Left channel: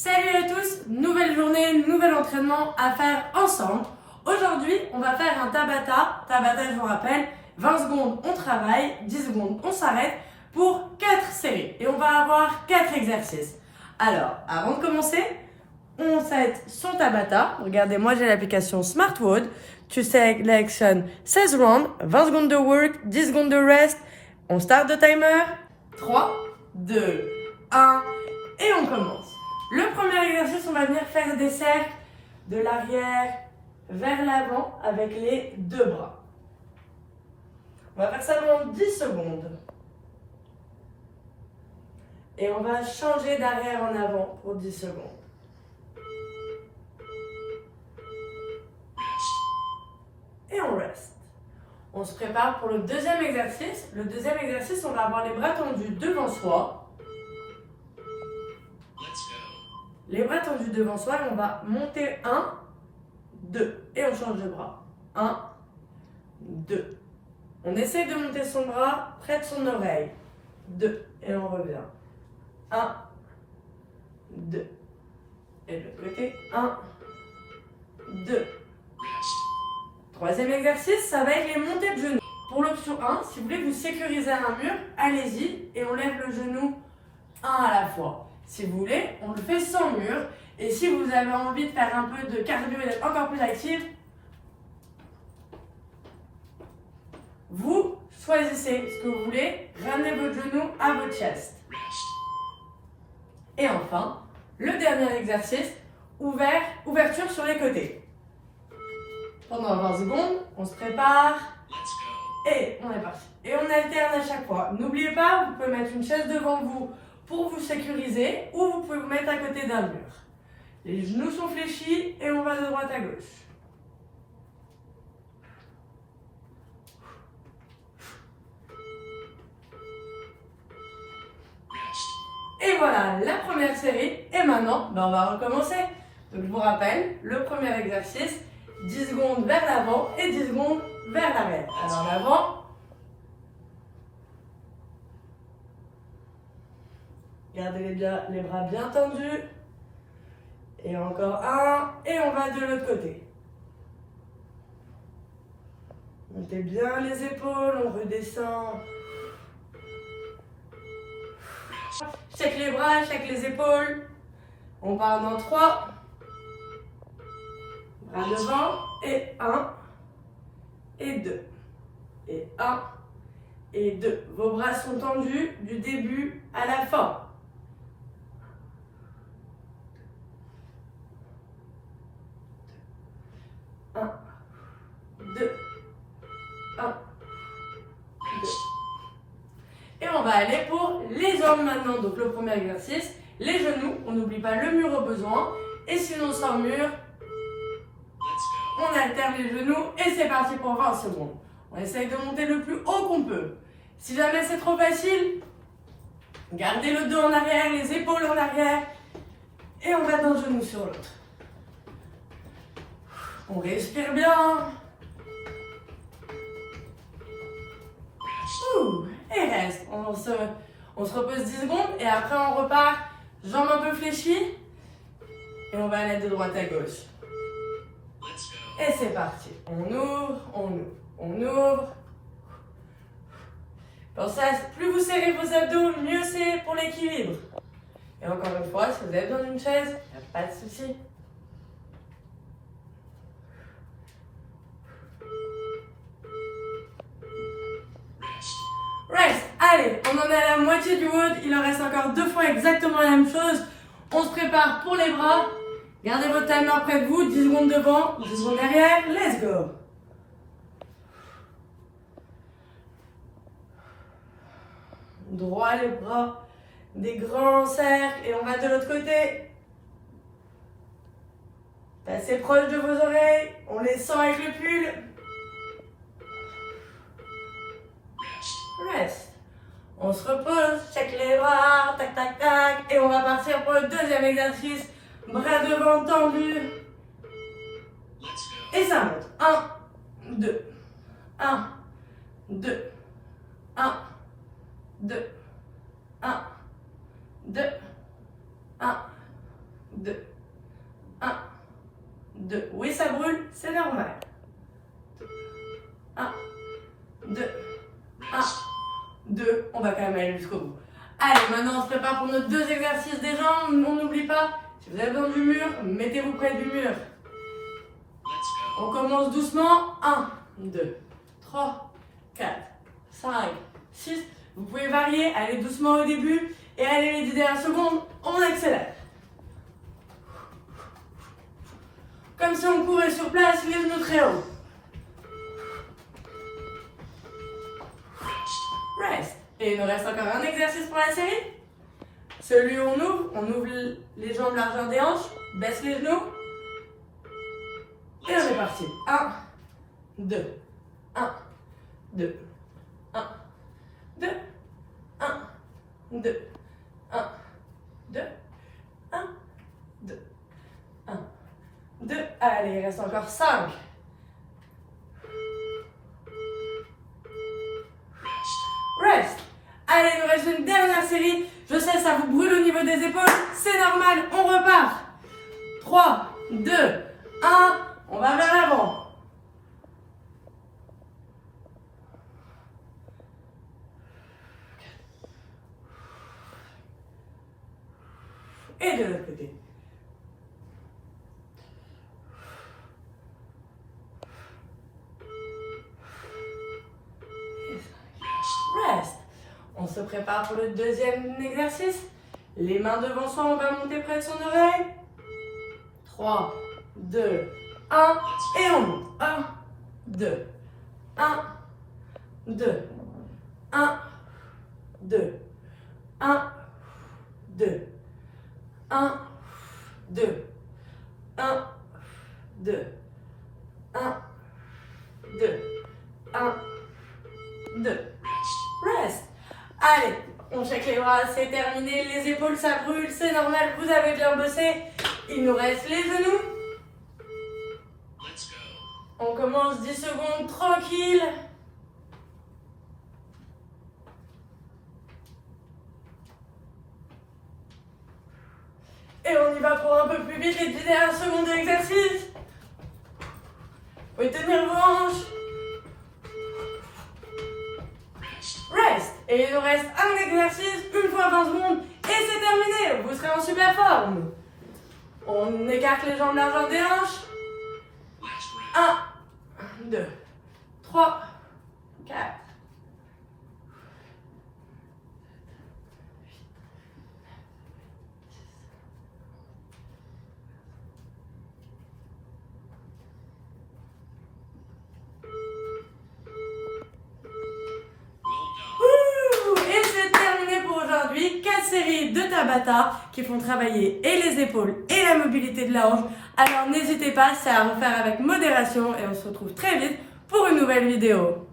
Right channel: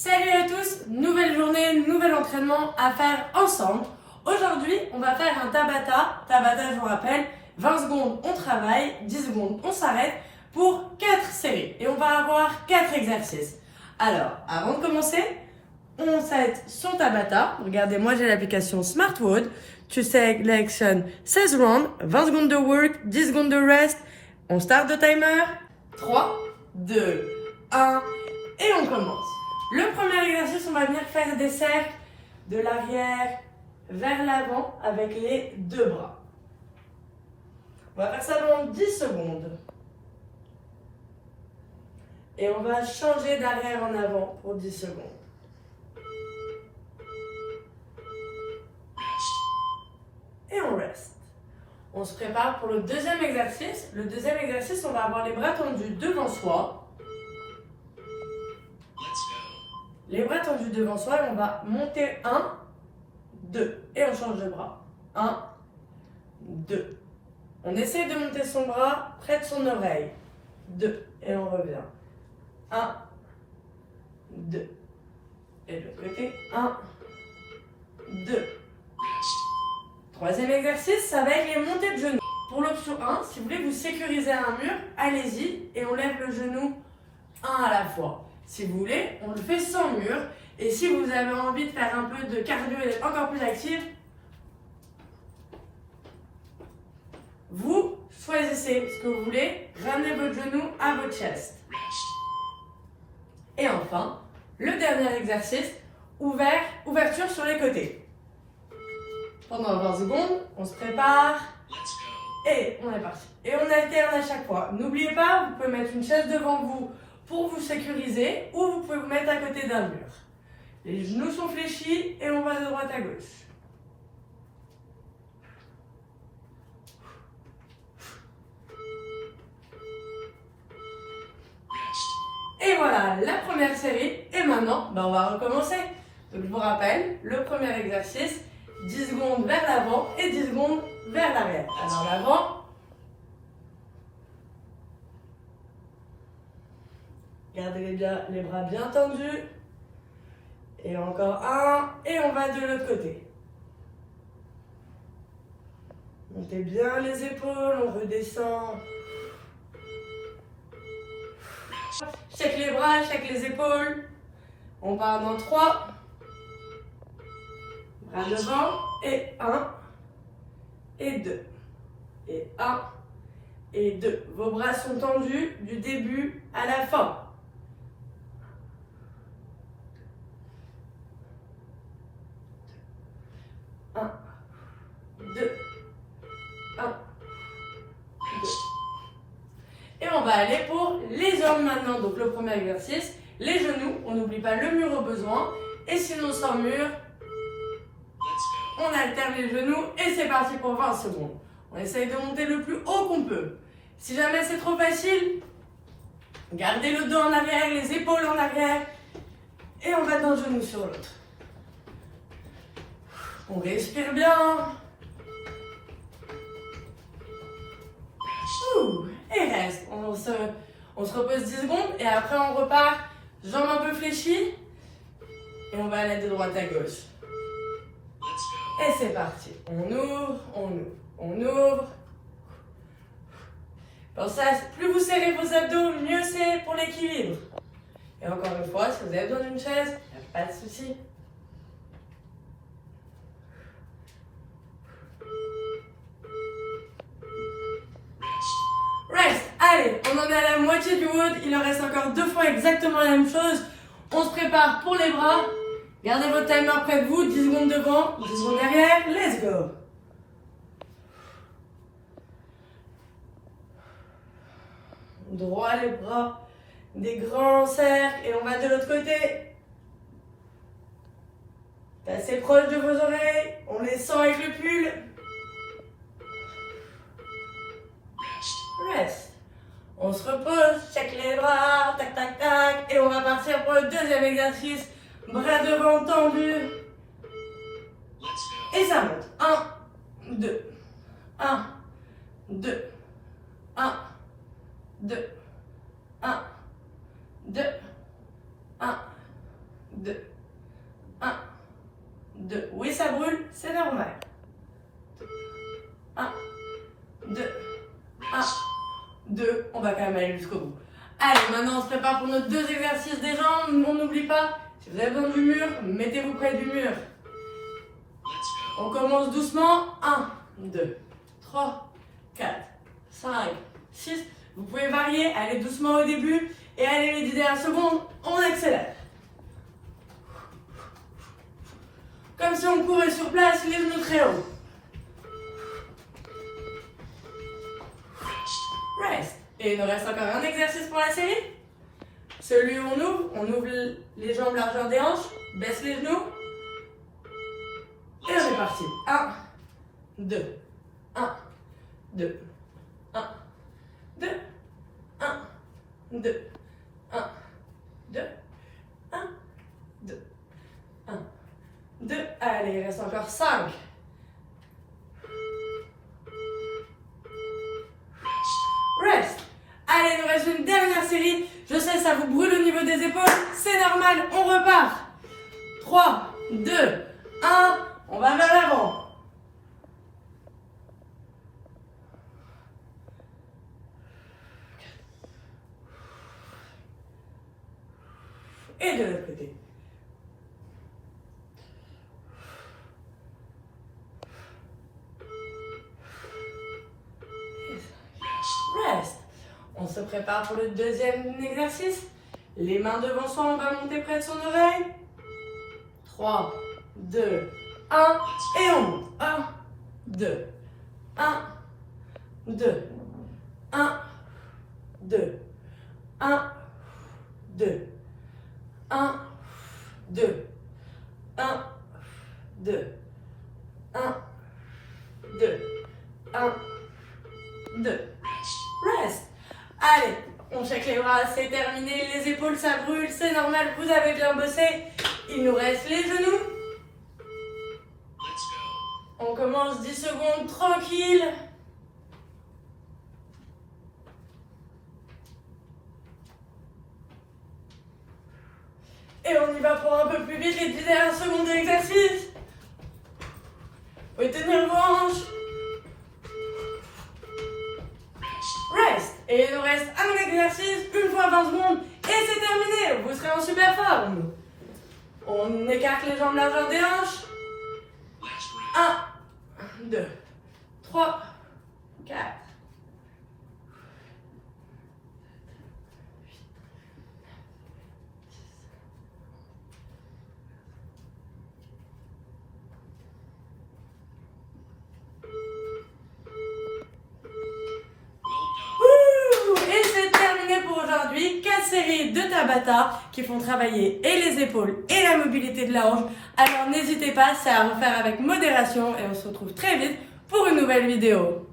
Salut à tous, nouvelle journée, nouvel entraînement à faire ensemble. Aujourd'hui, on va faire un Tabata. Tabata, je vous rappelle, 20 secondes on travaille, 10 secondes on s'arrête pour 4 séries. Et on va avoir 4 exercices. Alors, avant de commencer, on set son Tabata. Regardez, moi j'ai l'application SmartWood. Tu sélectionnes 16 rounds, 20 secondes de work, 10 secondes de rest. On start le timer. 3, 2, 1 et on commence. Le premier exercice, on va venir faire des cercles de l'arrière vers l'avant avec les deux bras. On va faire ça pendant 10 secondes. Et on va changer d'arrière en avant pour 10 secondes. Et on reste. On se prépare pour le deuxième exercice. Le deuxième exercice, on va avoir les bras tendus devant soi. Les bras tendus devant soi et on va monter 1, 2. Et on change de bras. 1, 2. On essaie de monter son bras près de son oreille. 2. Et on revient. 1, 2. Et de l'autre côté. 1, 2. Troisième exercice, ça va être les montées de genoux. Pour l'option 1, si vous voulez vous sécuriser à un mur, allez-y et on lève le genou un à la fois. Si vous voulez, on le fait sans mur. Et si vous avez envie de faire un peu de cardio et d'être encore plus actif, vous choisissez ce que vous voulez. Ramenez votre genou à votre chest. Et enfin, le dernier exercice, ouverture sur les côtés. Pendant 20 secondes, on se prépare. Et on est parti. Et on alterne à chaque fois. N'oubliez pas, vous pouvez mettre une chaise devant vous pour vous sécuriser ou vous pouvez vous mettre à côté d'un mur. Les genoux sont fléchis et on va de droite à gauche. Et voilà la première série. Et maintenant, on va recommencer. Donc je vous rappelle, le premier exercice, 10 secondes vers l'avant et 10 secondes vers l'arrière. Alors l'avant. Gardez les bras bien tendus. Et encore un. Et on va de l'autre côté. Montez bien les épaules, on redescend. Check les bras, check les épaules. On part dans 3. Bras devant. Et 1. Et 2. Et 1. Et 2. Vos bras sont tendus du début à la fin. 1, 2, 1, 2. Et on va aller pour les jambes maintenant. Donc le premier exercice, les genoux, on n'oublie pas le mur au besoin. Et sinon sans mur, on alterne les genoux et c'est parti pour 20 secondes. On essaye de monter le plus haut qu'on peut. Si jamais c'est trop facile, gardez le dos en arrière, les épaules en arrière et on va d'un genou sur l'autre. On respire bien. Et reste. On se repose 10 secondes et après on repart, jambes un peu fléchies. Et on va aller de droite à gauche. Et c'est parti. On ouvre, on ouvre, on ouvre. Pensez à plus vous serrez vos abdos, mieux c'est pour l'équilibre. Et encore une fois, si vous êtes dans une chaise, il n'y a pas de souci. Rest. Allez, on en est à la moitié du wood. Il en reste encore 2 fois exactement la même chose. On se prépare pour les bras. Gardez votre timer près de vous. 10 secondes devant, 10 secondes derrière. Let's go. Droit les bras. Des grands cercles. Et on va de l'autre côté. Assez proche de vos oreilles. On les sent avec le pull. Rest. On se repose, check les bras, tac tac tac, et on va partir pour le deuxième exercice. Bras devant tendus. Et ça monte. 1, 2, 1, 2, 1, 2, 1, 2, 1, 2, 1, 2. Oui, ça brûle, c'est normal. 1, 2, 1, 2. On va quand même aller jusqu'au bout. Allez, maintenant on se prépare pour nos 2 exercices des jambes. On n'oublie pas, si vous avez besoin du mur, mettez-vous près du mur. On commence doucement. 1, 2, 3, 4, 5, 6. Vous pouvez varier, allez doucement au début et allez les 10 dernières secondes, on accélère. Comme si on courait sur place, les genoux très hauts. Rest. Et il nous reste encore un exercice pour la série. Celui où on ouvre les jambes largeur des hanches, baisse les genoux. Et on est parti. 1, 2, 1, 2, 1, 2, 1, 2, 1, 2, 1, 2, 1, 2. Allez, il reste encore 5. Rest. Allez, il nous reste une dernière série. Je sais, ça vous brûle au niveau des épaules. C'est normal, on repart. 3, 2, 1. On va vers l'avant. Et de l'autre côté. Rest. On se prépare pour le deuxième exercice. Les mains devant soi, on va monter près de son oreille. 3, 2, 1. Et on monte. 1, 2, 1, 2, 1, 2, 1, 2, 1, 2, 1, 2, 1, 2, 1, 2. Rest. Allez, on check les bras, c'est terminé. Les épaules, ça brûle, c'est normal. Vous avez bien bossé. Il nous reste les genoux. On commence 10 secondes tranquille. Et on y va pour un peu plus vite les 10 dernières secondes de l'exercice. Vous pouvez tenir vos hanches. Rest. Et il nous reste un exercice, une fois 20 secondes, et c'est terminé. Vous serez en super forme. On écarte les jambes largeur des hanches. 1, 2, 3, 4. Et c'est terminé pour aujourd'hui. 4 séries de Tabata qui font travailler et les épaules et la mobilité de la hanche. Alors n'hésitez pas, c'est à refaire avec modération et on se retrouve très vite pour une nouvelle vidéo.